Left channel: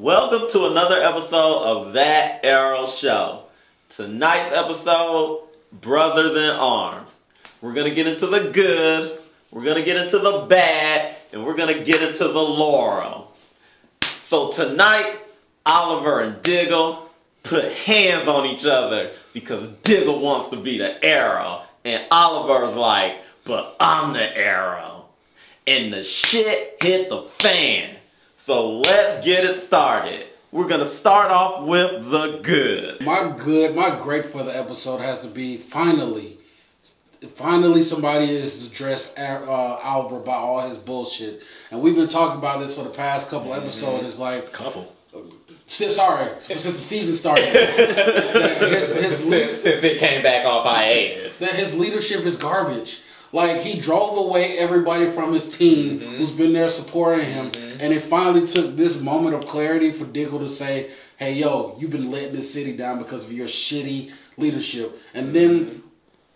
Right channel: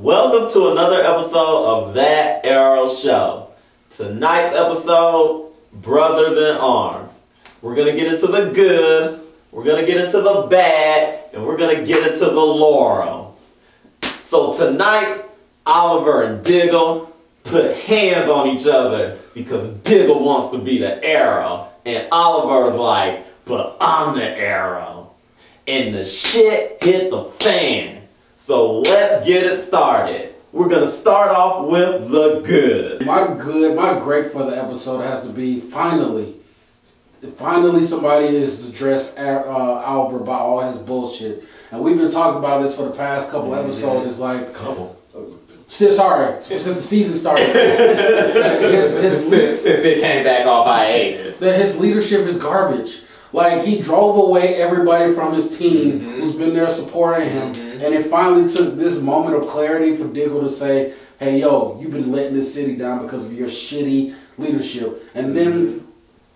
Welcome to another episode of That Arrow Show. Tonight's episode, Brothers in Arms. We're going to get into the good, we're going to get into the bad, and we're going to get into the Laurel. So tonight, Oliver and Diggle put hands on each other because Diggle wants to be the arrow. And Oliver's like, but I'm the arrow. And the shit hit the fan. So let's get it started. We're going to start off with the good. My great for the episode has to be finally somebody is addressed Oliver about all his bullshit. And we've been talking about this for the past couple episodes. It's like, since the season started. They came back off by 8. That his leadership is garbage. Like, he drove away everybody from his team who's been there supporting him. And it finally took this moment of clarity for Diggle to say, hey, yo, you've been letting this city down because of your shitty leadership. And then,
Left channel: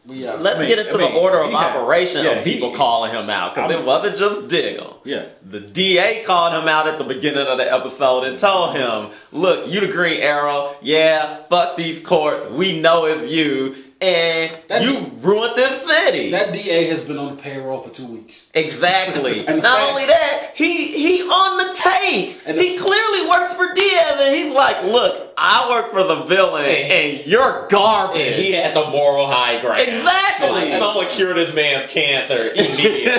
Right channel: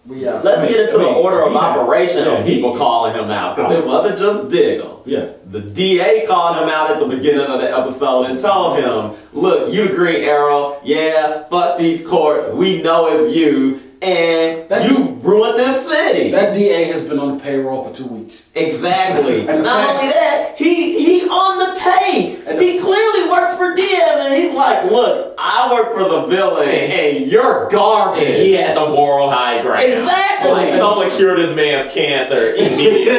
let's get into the order of operation of people calling him out. Because it wasn't just Diggle. Yeah. The DA called him out at the beginning of the episode and told him, look, you the Green Arrow. Yeah, fuck these courts. We know it's you. And you ruined this city. That DA has been on the payroll for 2 weeks. Exactly. Not only that, he on the take. He clearly works for Diaz, and he's like, look, I work for the villain, and you're garbage. And he had the moral high ground. Exactly. Like, someone cured this man's cancer immediately.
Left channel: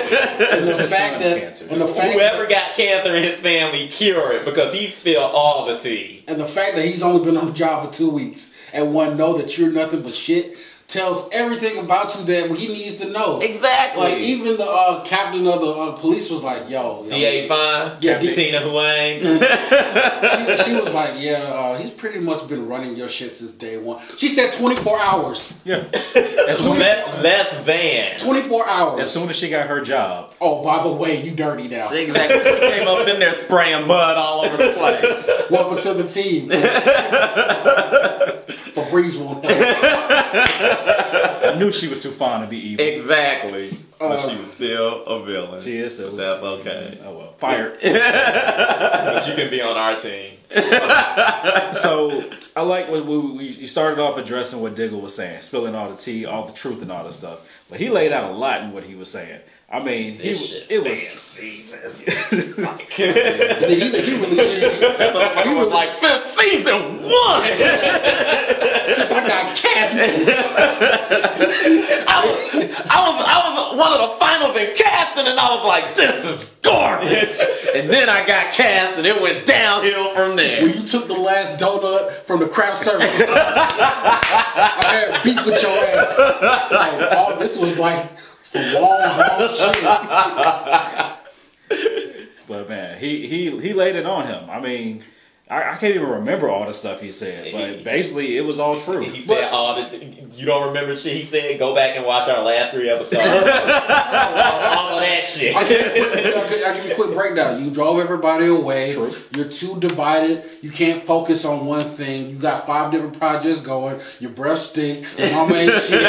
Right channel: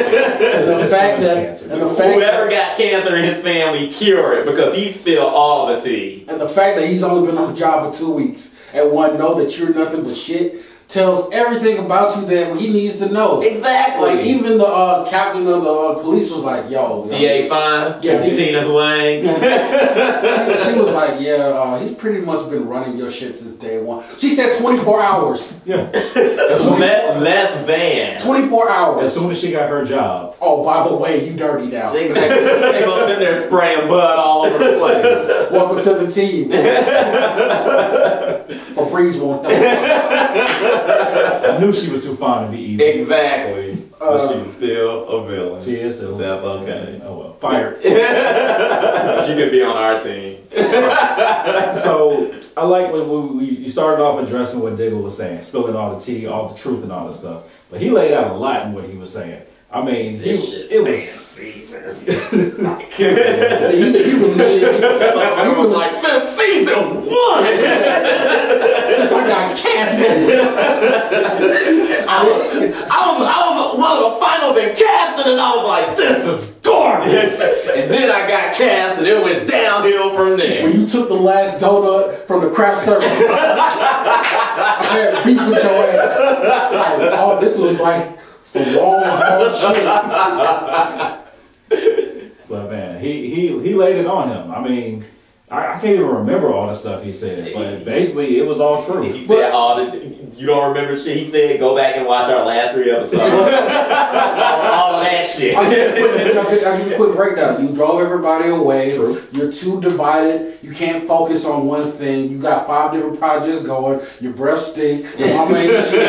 Whoever got cancer in his family, cure it, because he spilled all the tea. And the fact that he's only been on the job for 2 weeks and one know that you're nothing but shit tells everything about you that he needs to know. Exactly. Like, even the captain of the police was like, yo. DA fine? Yeah, Tina Huang? she was like, yeah, he's pretty much been running your shit since day one. She said 24 hours. Yeah. Less than. 24 hours. As soon as she got her job. Oh, by the way, you dirty now. Exactly. She came up in there spraying blood all over the place. Welcome to the team. Febreze won't know. I knew she was too fond to be evil. Exactly. But she was still a villain. She is still. That's okay. Oh well. Fired. But you could be on our team. So I like when you started off addressing what Diggle was saying, spilling all the tea, all the truth, and all that stuff. But he laid out a lot in what he was saying. I mean, it was. He really He was like, since season 1! Since I got cast. I was one of the finals in casting, and I was like, this is garbage. And then I got cast, and it went downhill from there. When you took the last donut from the craft service, I had beef with your ass. Like, oh, this was like some long shit. But man, he laid it on him. I mean, I can't even remember all the stuff he said, but basically it was all true. He said you don't remember shit he said? Go back and watch our last 3 episodes. all of that shit. I'll give you a quick breakdown. You drove everybody away. True. You're too divided. You can't focus on one thing. You got 5 different projects going. Your breath stink. Your mama ain't shit.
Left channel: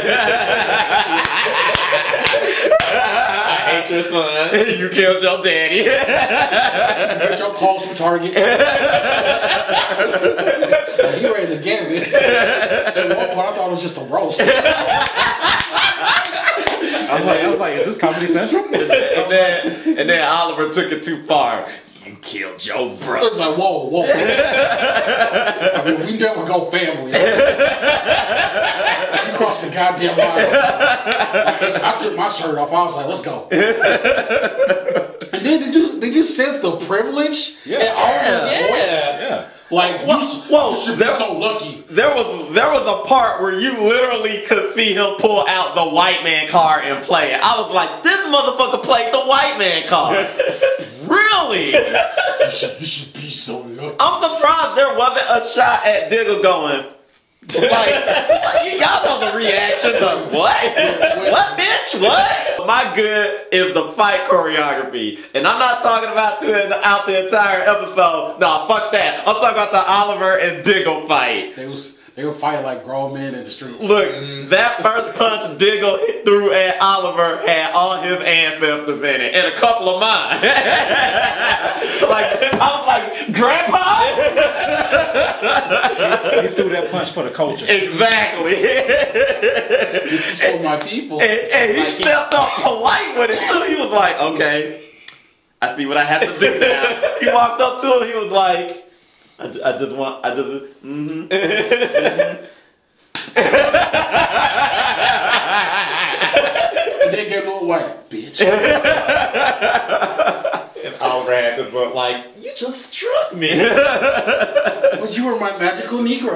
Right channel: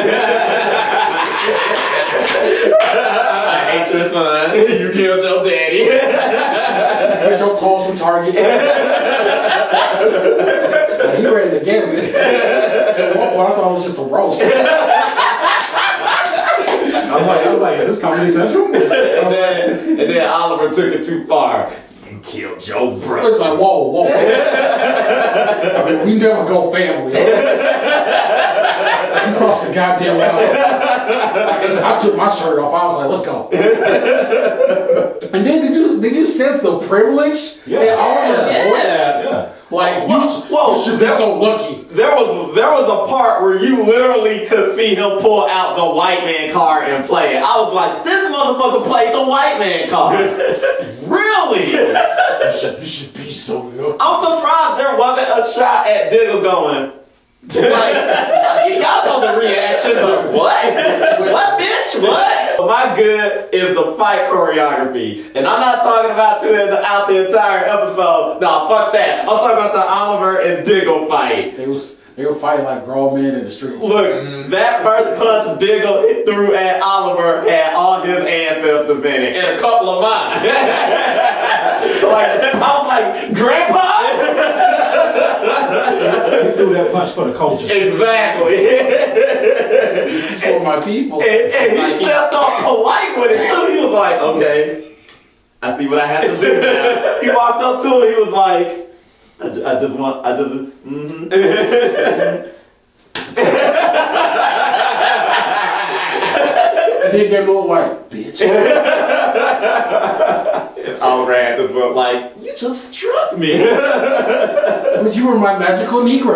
I ate your son. You killed your daddy. You got your clothes from Target. He ready to get it. At one point, I thought it was just a roast. I was like, is this Comedy Central? and then Oliver took it too far. You killed your brother. It's like, whoa. I mean, we never go family. You crossed the goddamn line. I took my shirt off. I was like, let's go. And then did you sense the privilege? Yeah. Yeah. Like, whoa, they're so lucky. There was a part where you literally could see him pull out the white man card and play it. I was like, this motherfucker played the white man card. Really? You should be so lucky. I'm surprised there wasn't a shot at Diggle going, like, y'all know the reaction, but what? What, bitch? What? My good is the fight choreography. And I'm not talking about throughout the entire episode. No, fuck that. I'm talking about the Oliver and Diggle fight. They were fighting like grown men in the streets. Look, that first punch Diggle threw at Oliver had all his ancestors in it, and a couple of mine. Like, I was like, Grandpa? threw that punch for the culture. Exactly. This is for my people. And he stepped up polite with it too. He was like, okay, I see what I have to do now. He walked up to it, he was like, And then gave him a white bitch. And Oliver had to go like, you just struck me. Well, you were my magical Negro.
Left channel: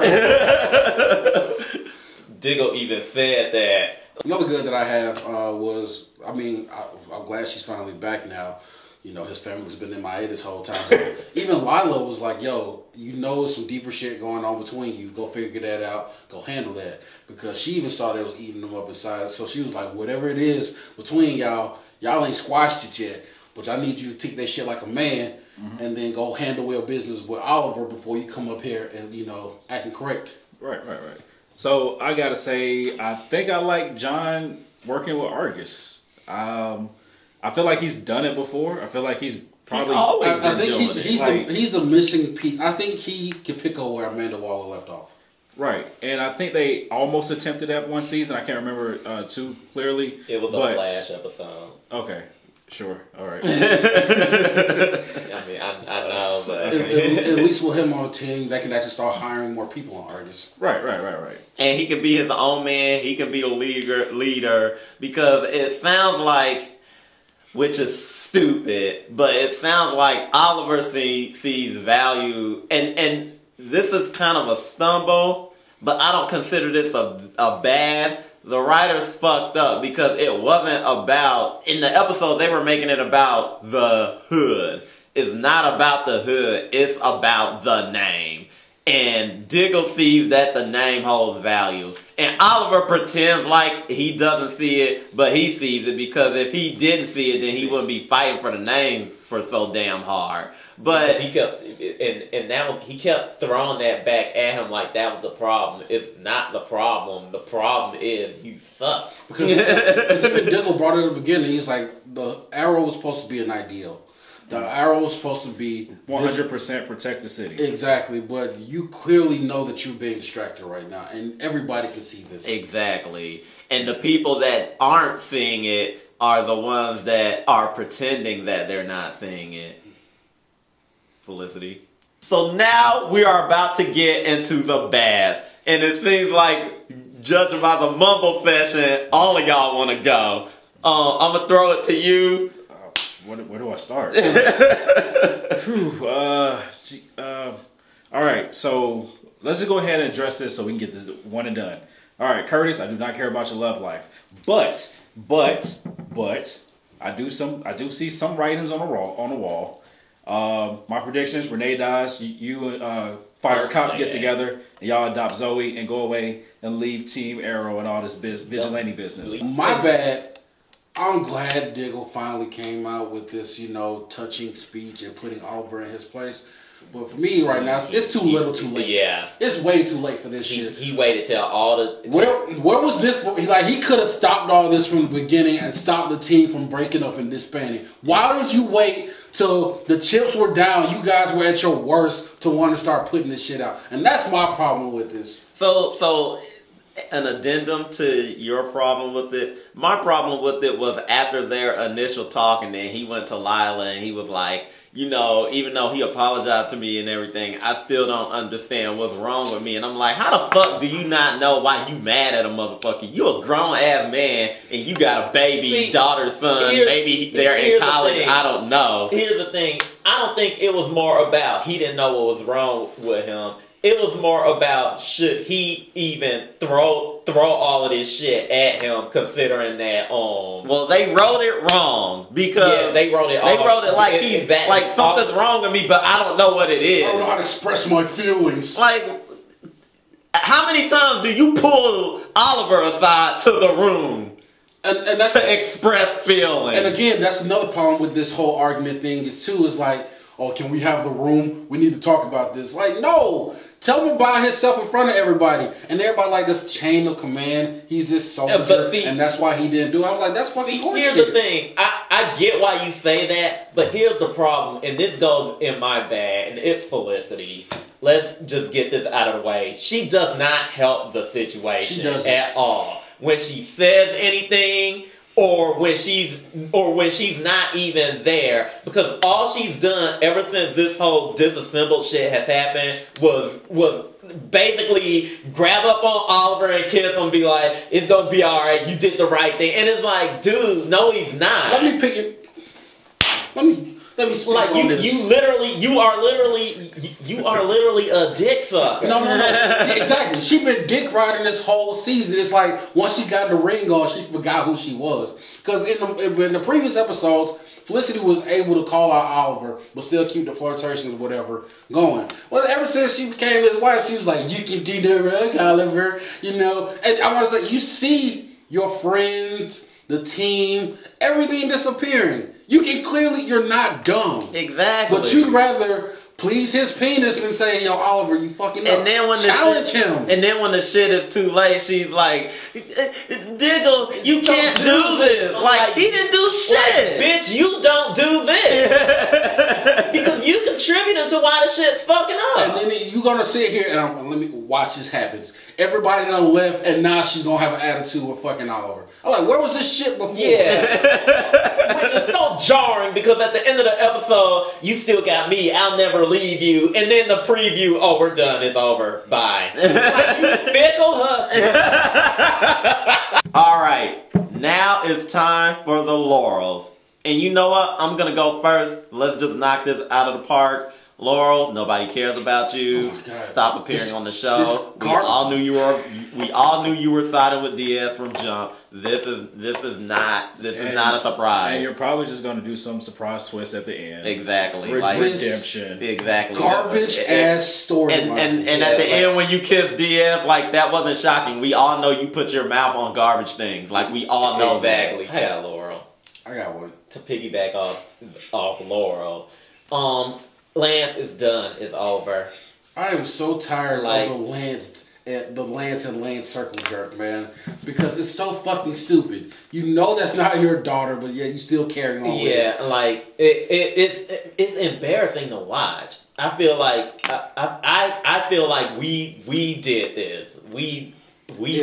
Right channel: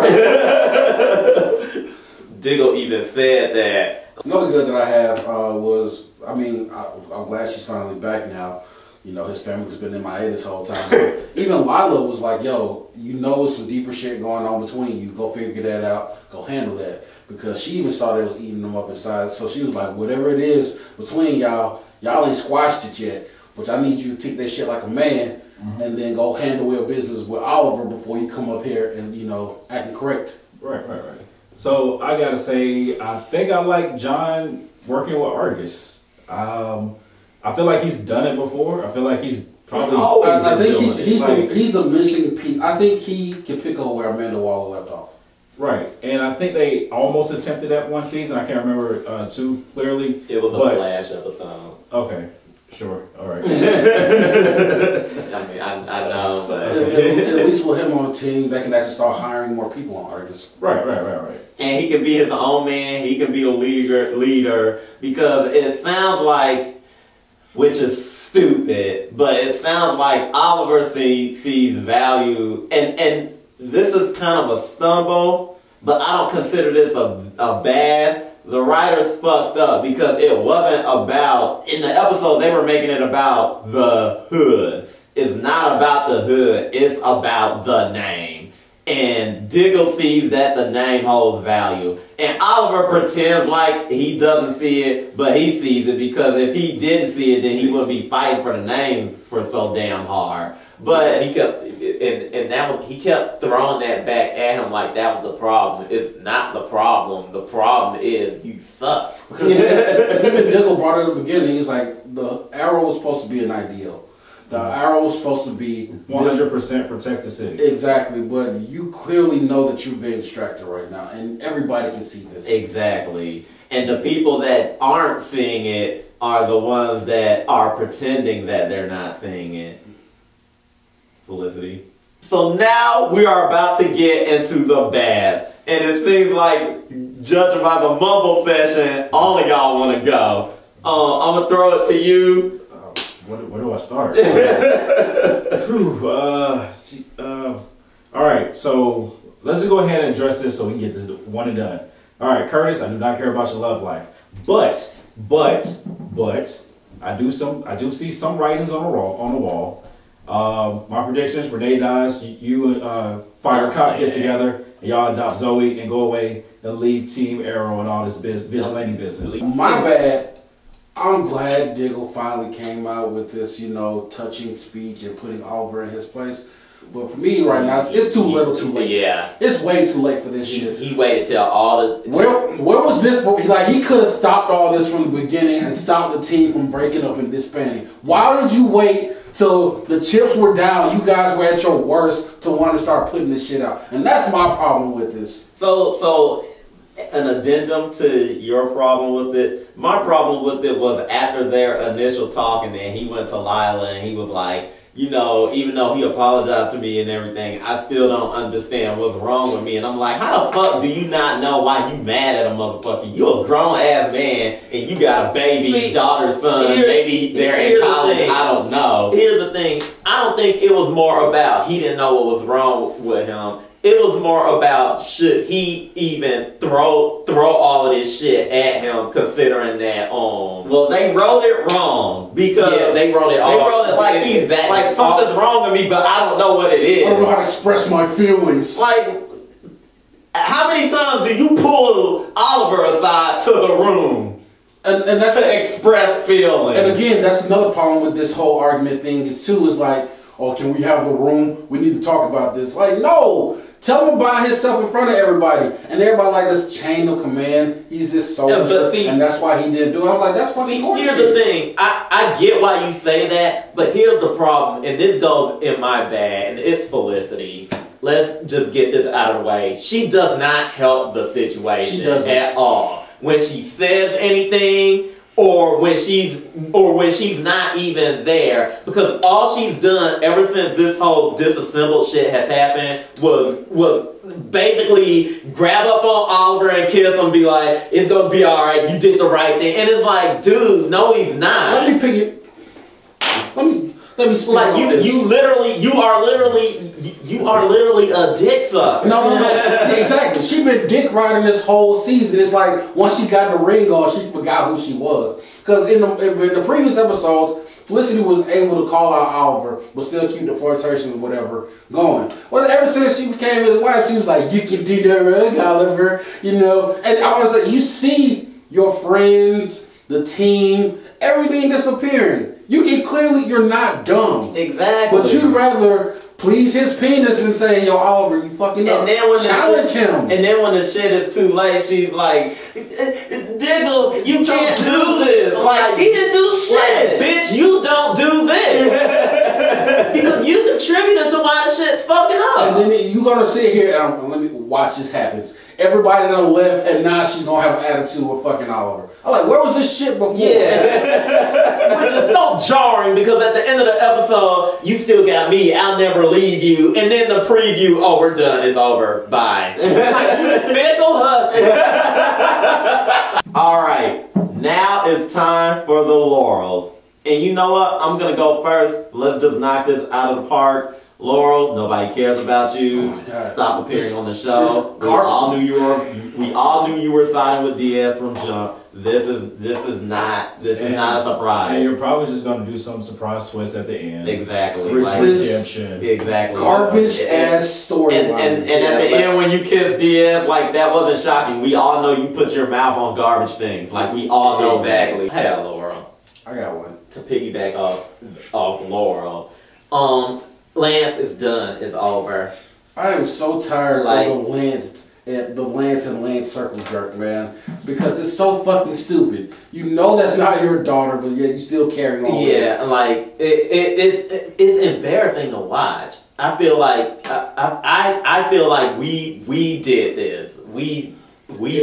Diggle even said that. Another good that I have was, I mean, I'm glad she's finally back now. You know, his family's been MIA this whole time. But even Lila was like, yo, you know some deeper shit going on between you. Go figure that out. Go handle that. Because she even saw that it was eating them up inside. So she was like, whatever it is between y'all ain't squashed it yet. But I need you to take that shit like a man and then go handle your business with Oliver before you come up here and, you know, acting correct. Right. So I gotta say, I think I like John working with Argus. I feel like he's done it before. I feel like he's probably I think doing it. he's the missing piece. I think he can pick up where Amanda Waller left off. Right, and I think they almost attempted that one season. I can't remember too clearly. It was a Flash episode. Okay, sure, all right. I mean, I know, but At least with him on the team, they can actually start hiring more people on Argus. Right. and he can be his own man. He can be a leader because it sounds like, which is stupid, but it sounds like Oliver sees value, and this is kind of a stumble, but I don't consider this a bad. The writers fucked up because it wasn't about, in the episode they were making it about the hood. It's not about the hood, it's about the name. And Diggle sees that the name holds value. And Oliver pretends like he doesn't see it, but he sees it because if he didn't see it, then he wouldn't be fighting for the name for so damn hard. But he kept, and that was, he kept throwing that back at him like that was the problem. It's not the problem. The problem is you suck. Because him and Diggle brought it in the beginning. He's like, the arrow was supposed to be an ideal. The arrow was supposed to be 100% protect the city. Exactly, but you clearly know that you're being distracted right now, and everybody can see this. exactly. And the people that aren't seeing it are the ones that are pretending that they're not seeing it. Felicity. So now we are about to get into the bad. And it seems like, judging by the mumble session, all of y'all want to go. I'm going to throw it to you. Where do I start? All right, so let's just go ahead and address this so we can get this one and done. All right, Curtis, I do not care about your love life, but I do see some writings on the wall. My predictions: Renee dies. You and Fire Cop get together. And y'all adopt Zoe and go away and leave Team Arrow and all this vigilante business. My bad. I'm glad Diggle finally came out with this, you know, touching speech and putting Oliver in his place. But for me right now, it's too little too late. Yeah. It's way too late for this shit. He waited till all the... Where was this? He could have stopped all this from the beginning and stopped the team from breaking up and disbanding. Why did you wait till the chips were down, you guys were at your worst, to want to start putting this shit out? And that's my problem with this. So an addendum to your problem with it. My problem with it was after their initial talking, and he went to Lila and he was like, you know, even though he apologized to me and everything, I still don't understand what's wrong with me. And I'm like, how the fuck do you not know why you mad at a motherfucker? You a grown ass man and you got a baby, daughter, son, maybe they're in college, I don't know. Here's the thing, I don't think it was more about he didn't know what was wrong with him. It was more about should he even throw all of this shit at him, considering that well, they wrote it wrong because they wrote it like he's like something's wrong with me, but I don't know what it is. I don't know how to express my feelings. Like, how many times do you pull Oliver aside to the room and that's to express feelings? And again, that's another problem with this whole argument thing is like, oh, can we have the room? We need to talk about this. Like, no. Tell him about himself in front of everybody. And everybody like this chain of command. He's this soldier. And that's why he didn't do it. I'm like, that's fucking horseshit. Here's the thing. I get why you say that, but here's the problem. And this goes in my bag, and it's Felicity. let's just get this out of the way. She does not help the She situation doesn't. at all. When she says anything, or when she's not even there, because all she's done ever since this whole disassembled shit has happened was basically grab up on Oliver and kiss him and be like, it's gonna be alright, you did the right thing. And it's like, dude, no he's not. Let me pick it. Let me speak Like on this. you are literally a dick sucker. No. Yeah, exactly. She been dick riding this whole season. It's like once she got the ring on, she forgot who she was. Because in the previous episodes, Felicity was able to call out Oliver, but still keep the flirtation and whatever going. Well, ever since she became his wife, she was like, "You can do the rug, Oliver," you know. And I was like, you see your friends, the team, everything disappearing. You can clearly, you're not dumb. Exactly. But you'd rather please his penis than say, "Yo, Oliver, you fucking up." And then when challenge him. And then when the shit is too late, she's like, "Diggle, you can't do this." Like he didn't do shit. Bitch, you don't do this. Because you contributed to why the shit's fucking up. And then you gonna sit here and let me watch this happen. Everybody done left, and now she's gonna have an attitude with fucking Oliver. I'm like, where was this shit before? Yeah. Which is so jarring because at the end of the episode, you still got me, I'll never leave you. And then the preview, oh, we're done, it's over, bye. Fickle husband. Alright, now it's time for the laurels. And you know what? I'm gonna go first. Let's just knock this out of the park. Laurel, nobody cares about you. Oh my God. Stop appearing on the show. We all knew you were siding with Diaz from jump. This is not a And surprise. you're probably just gonna do some surprise twist at the end. Exactly. Like This- redemption. Exactly. Garbage ass storyline. And at the end when you kiss Diaz, like that wasn't shocking. We all know you put your mouth on garbage things. Like we all know Exactly. Hey, Laura. I got one. To piggyback off Laurel. Lance is done, it's over. I am so tired Like- of the Lance and Lance circle jerk, man. Because it's so fucking stupid. You know that's not your daughter, but yet you still carry on. Yeah, like it's embarrassing to watch. I feel like I feel like we did this. We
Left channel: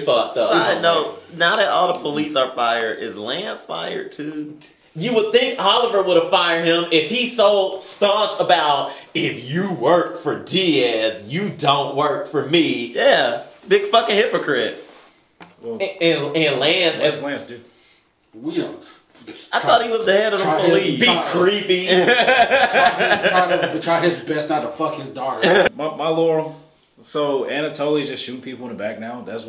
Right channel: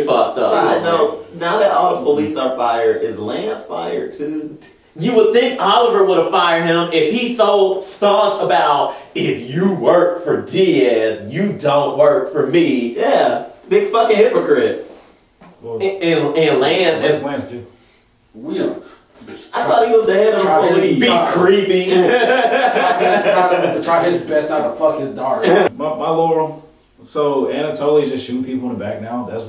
fucked up. Side note, now that all the police are fired, is Lance fired too? You would think Oliver would have fired him if he's so staunch about if you work for Diaz, you don't work for me. Yeah, big fucking hypocrite. Well, And what Lance does Lance do? We don't. I thought he was the head of the Try his- police. be creepy. Try his best not to fuck his daughter. My Laurel. So Anatoly's just shooting people in the back now. That's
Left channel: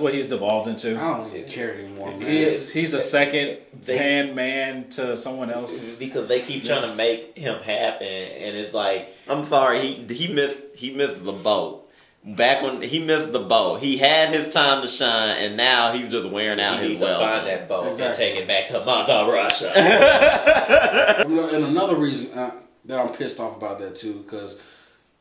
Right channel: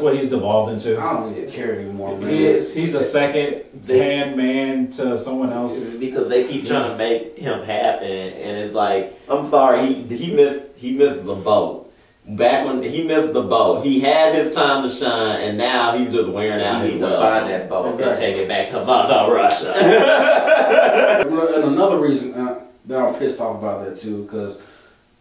what he's devolved I into. don't even care anymore, man. He's a second hand man to someone else. Because they keep trying to make him happen, and it's like, I'm sorry, he missed the boat. Back when he missed the boat, he had his time to shine, and now he's just wearing out you his need to well. find that boat and Exactly. take it back to Mother Russia. And another reason that I'm pissed off about that too, because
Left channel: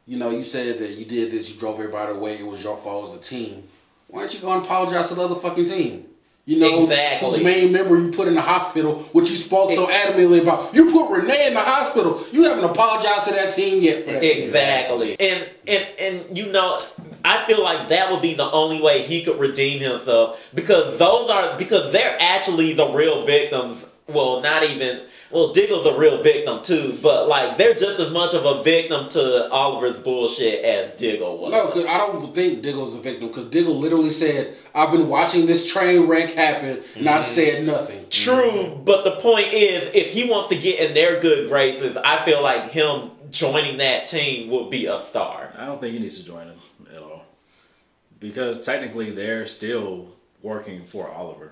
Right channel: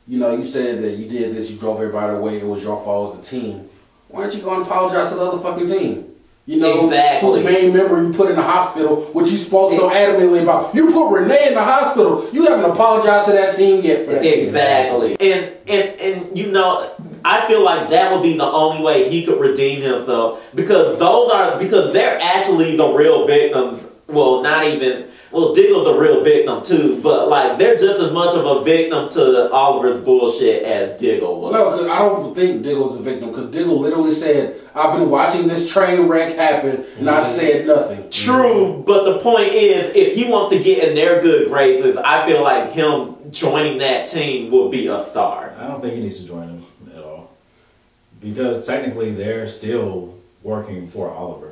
you said that you did this, you drove everybody away, it was your fault as a team. Why don't you go and apologize to the other fucking team? Exactly. Whose main member you put in the hospital, which you spoke so adamantly about. You put Renee in the hospital. You haven't apologized to that team yet. For that shit. Exactly. And I feel like that would be the only way he could redeem himself because they're actually the real victims. Well, Diggle's the real victim too, but like they're just as much of a victim to Oliver's bullshit as Diggle was. No, because I don't think Diggle's a victim. Because Diggle literally said, "I've been watching this train wreck happen, and I said nothing." True, but the point is, if he wants to get in their good graces, I feel like him joining that team would be a star. I don't think he needs to join them at all. Because technically they're still working for Oliver.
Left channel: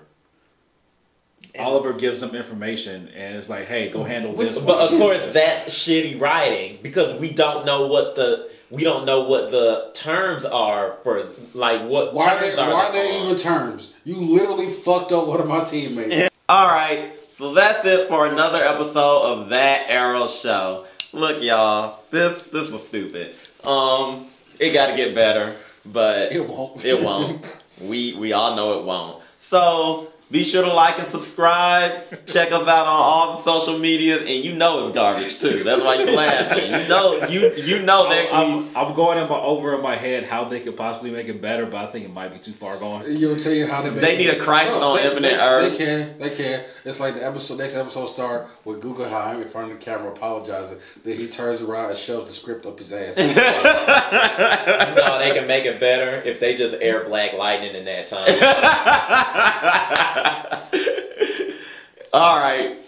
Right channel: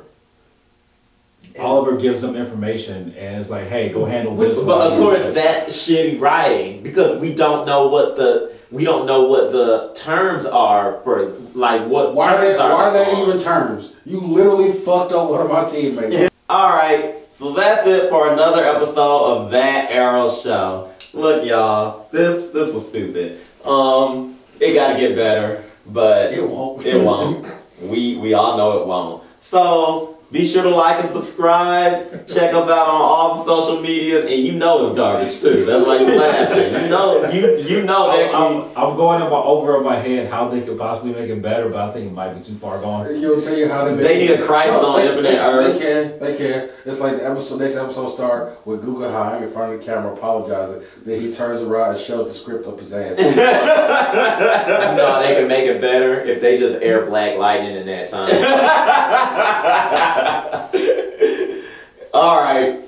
Oliver gives them information and it's like, hey, go handle this But of one. course, that's shitty writing because we don't know what the terms are for like what. Why terms are there on. even terms? You literally fucked up one of my teammates. Alright, so that's it for another episode of That Arrow Show. Look, y'all, this was stupid. It gotta get better, but It won't. It won't. We all know it won't. So Be sure to like and subscribe. Check us out on all the social media, and you know it's garbage too. That's why you're laughing. You know that. I'm going over in my head how they could possibly make it better, but I think it might be too far gone. You know, tell you how they need a crisis on Infinite Earth. They can. It's like the next episode start with Guggenheim in front of the camera apologizing. Then he turns around and shows the script up his ass. No, they can make it better if they just air Black Lightning in that time. All right.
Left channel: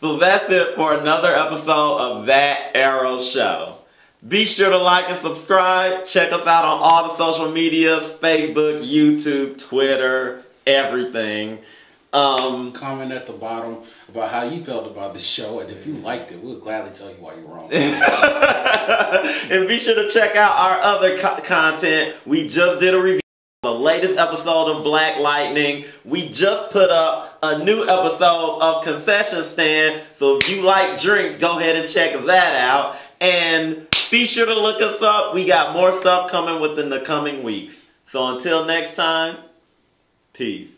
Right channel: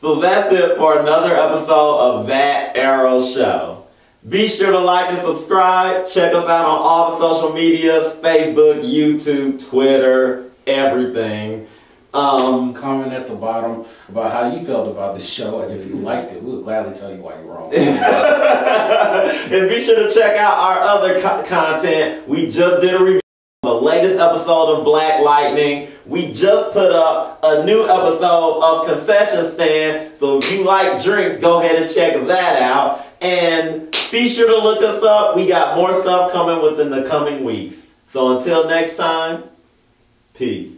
So that's it for another episode of That Arrow Show. Be sure to like and subscribe. Check us out on all the social medias, Facebook, YouTube, Twitter, everything. Comment at the bottom about how you felt about this show, and if you liked it, we'll gladly tell you why you're wrong. And be sure to check out our other content. We just did a review of the latest episode of Black Lightning. We just put up a new episode of Concession Stand. So if you like drinks, go ahead and check that out. And be sure to look us up. We got more stuff coming within the coming weeks. So until next time, peace.